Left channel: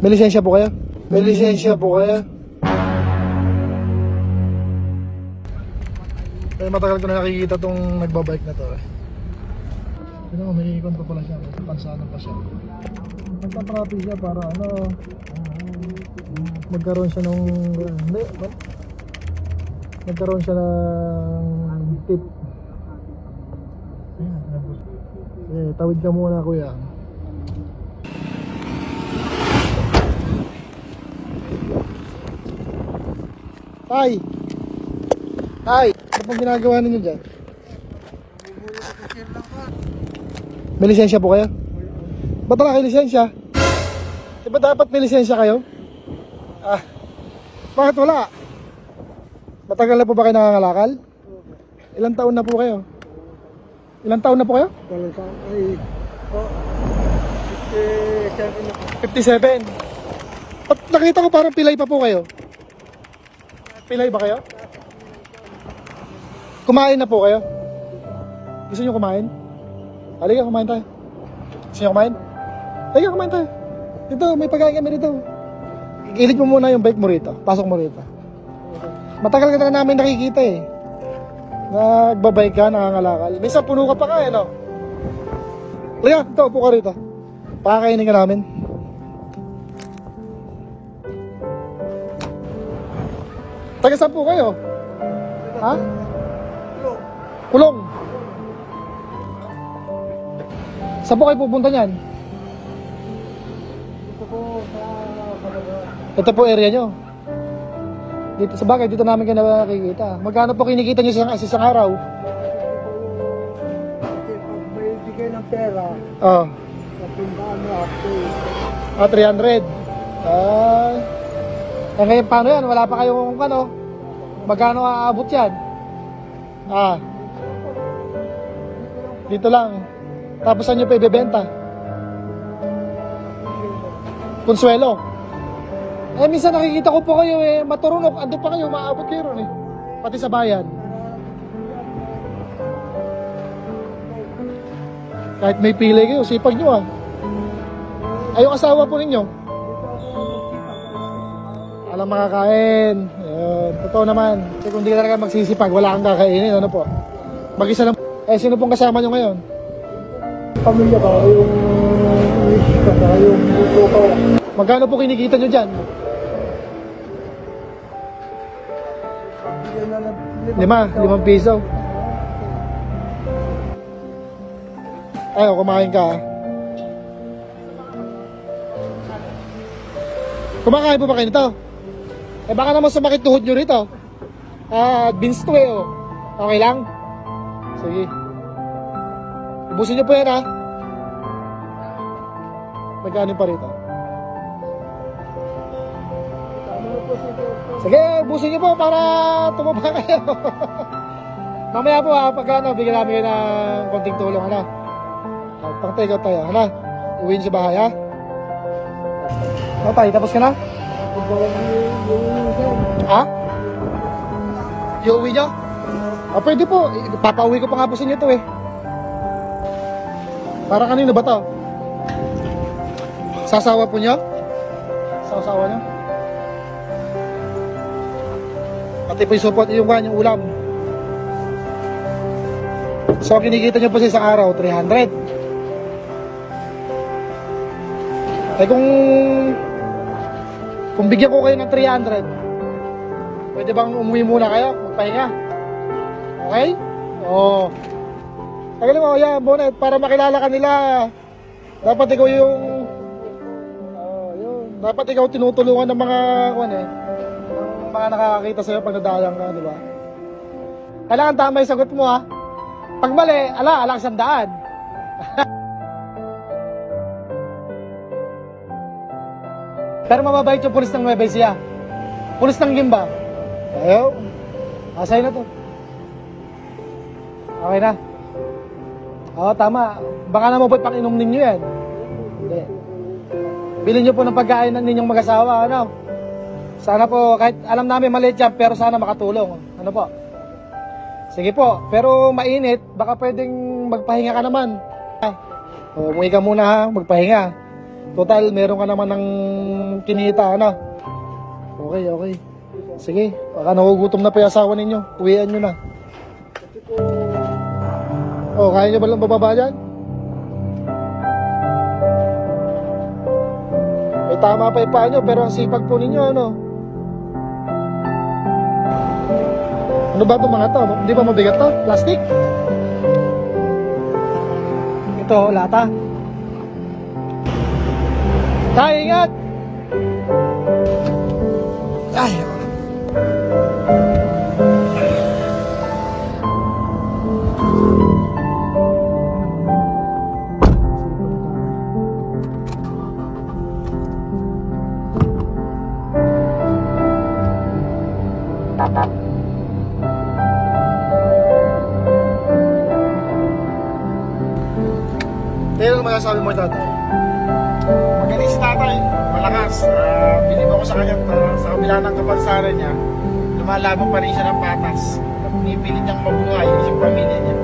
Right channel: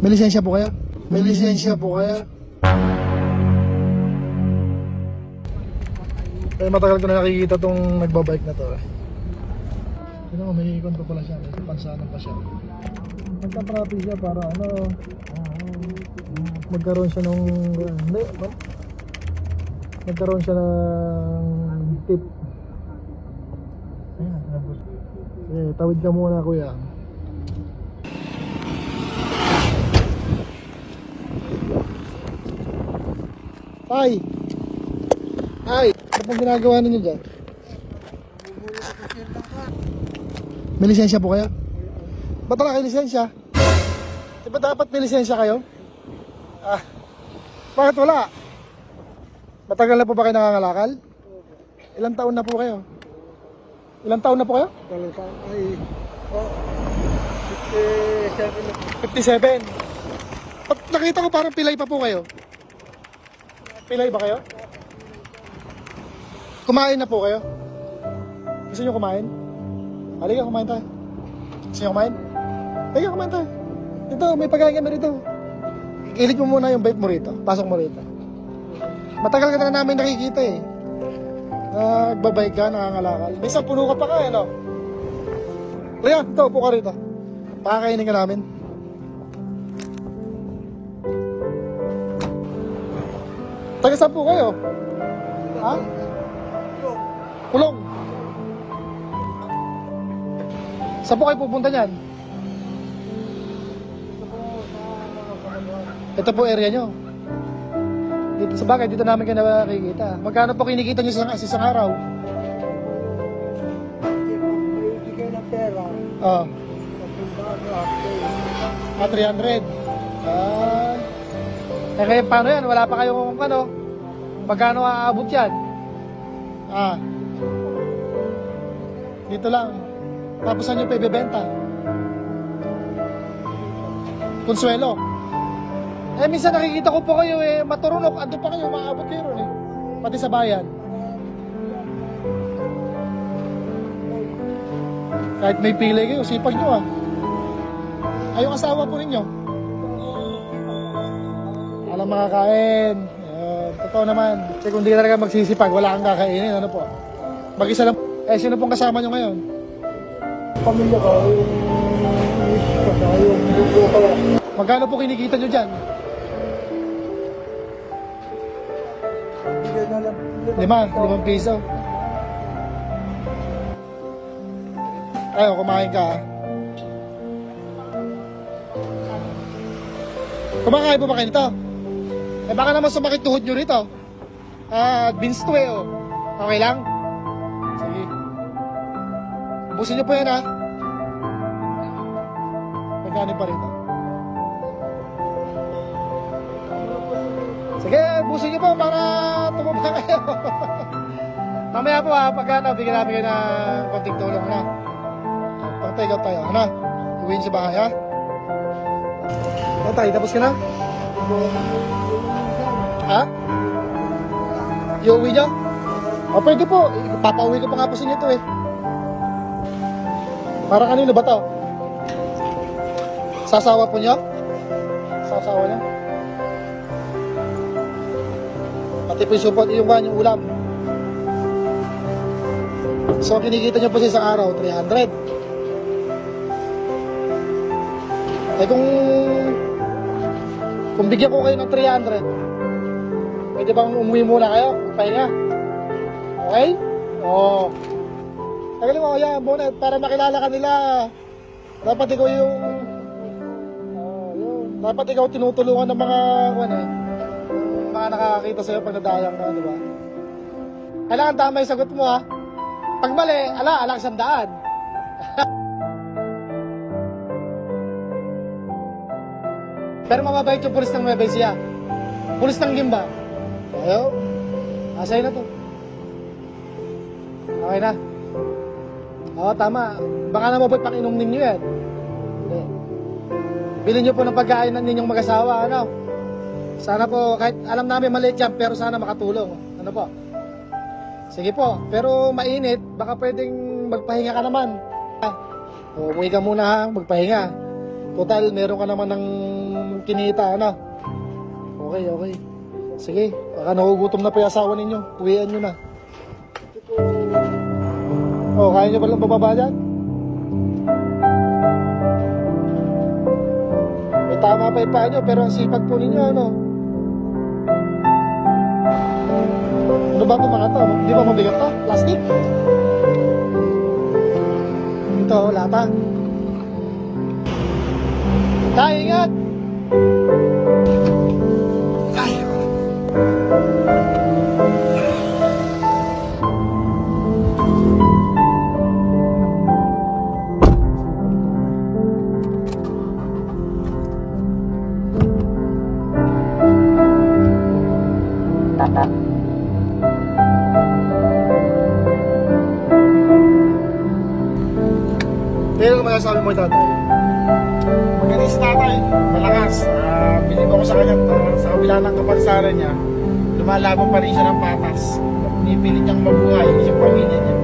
May lisensya po kaya? May lisensya po kaya? Kaya matagal ko na nakikita tong nagbabike na to eh. Sino, may ikon pa pala siya, may pansanan pa siya. Nagpa-traffic siya para ano, magkaroon siya ng nagkaroon siya ng tip. Eh, tawid ka muna kuya. Tay! Tay! Ano pong ginagawa ninyo dyan? May lisensya po kayo? Ba't wala kayo lisensya? Diba dapat may lisensya kayo? Ah, bakit wala? Matagal na po ba kayo nangangalakal? Ilang taon na po kayo? Ilang taon na po kayo? Walang taon ay 57. Ba't nakita ko parang pilay pa po kayo? Pilay ba kayo? Kumain na po kayo? Gusto nyo kumain? Halika, kumain tayo. Gusto nyo kumain? Halika, kumain tayo. Dito, may pagkain kami rito. Ilig mo muna yung bike mo rito. Pasok mo rito. Matagal ka na namin nakikita eh. Nagbabike ka, nangangalakal. Minsan puno ka pa ka eh, no? Halika, dito, upo ka rito. Pakakainin ka namin. Taga saan po kayo? Ha? Kulong. Saan po kayo pupunta niyan? ito po sa Palawan. Ito po area nyo. Dito sa bagay, dito namin kayo nakikita. Magkano po kinikita nyo sa isang araw? Kasi pag may bigay ng pera, Oh. patundaan mo ako. 300. Eh ngayon paano yan? Wala pa kayong ano? Magkano aabot yan? Dito lang. Tapos saan nyo pa ibebenta? Consuelo. Eh minsan nakikita ko po kayo eh maturunok. Ando pa kayo, maabot kayo ron eh. Pati sa bayan. Kahit may pilay kayo, sipag nyo ah. Ay yung asawa po ninyo? Alam makakain. Ayan, totoo naman. Kasi kung di ka talaga magsisipag, wala kang kakainin. Ano po? Mag-isa lang. Eh, sino pong kasama nyo ngayon? Pamilya ba? Yung buko ko. Magkano po kinikita nyo dyan? Bigay na lang. 5 piso. Tayo, kumain ka. Kumakain po ba kayo nito? Eh baka naman sumakit tuhod nyo rito. Beans to eh oh. Okay lang? Sige. Ubusin nyo po yan ha. Magkano pa rito? Sige, ubusin nyo po para tumaba kayo. Mamaya po ha, pagka ano, bigyan namin kayo ng konting tulong ano. Pang-take out tayo, ano? Iuwiin sa bahay ha. O tayo, tapos ka na? Ha? Iuwi nyo? O pwede po, papauwi ko pa nga po sa inyo to eh. Para kanino ba to? Sasawa po nyo? Sasawa nyo? Pati po yung support, yung ulam. So kinikita nyo po sa isang araw, 300. Eh kung bigyan ko kayo ng 300, pwede bang umuwi muna kayo? Magpahinga? Okay? Oo. Tagalin mo, yan, Bonet, para makilala ka nila. Dapat ikaw yung dapat ikaw tinutulungan ng mga ng mga nakakakita sa'yo pag nadayang ka, di ba? Kailangan tama yung sagot mo ha. Pag mali, ala sa daan. Pero mababait yung pulis ng Nueva Ecija. Pulis ng Gimba. Ayaw. Asay na to. Okay na. Oo, tama. Baka naman po'y pang-inom ninyo yan. Okay. Bilhin nyo po ng pagkain ng ninyong mag-asawa. Ano? Sana po, kahit alam namin maliit yan, pero sana makatulong. Ano po? Sige po. Pero mainit, baka pwedeng magpahinga ka naman. Umuwi ka muna ha, magpahinga. Total, meron ka naman ng kinita, ano? Okay, okay. Sige, baka nagugutom na pa yung asawa ninyo. Uwian nyo na. Oh, kaya nyo ba lang bababa dyan? May tama pa yung paa nyo, pero ang sipag po ninyo, ano? Ano ba itong mga to? Di ba mabigat to? Plastic? Ito, lata. Kaya, ingat! Ay, pero naman ang sabi mo tatay? Magaling si tatay, malakas. Bilib ako sa kanya, sa kabila ng kapansanan niya, lumalaban pa rin siya ng patas. Pinipilit niyang mabuhay yung pamilya niya.